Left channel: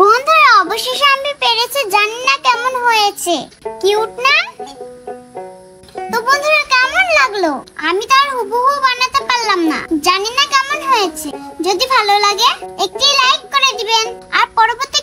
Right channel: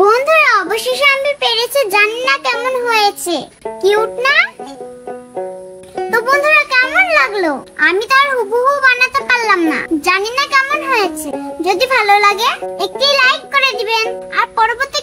বন্ধুরা, অবশেষে আমি পেরেছি। জানি না কেমন হয়েছে, কিউট না? তো বন্ধুরা, কেমন লাগলো? আমি তো আর হুবহু বানাতে পারলাম না, জানি না কেমন হয়েছে। যদি ভালো লাগে একটি লাইক করে দিবেন আর পরবর্তী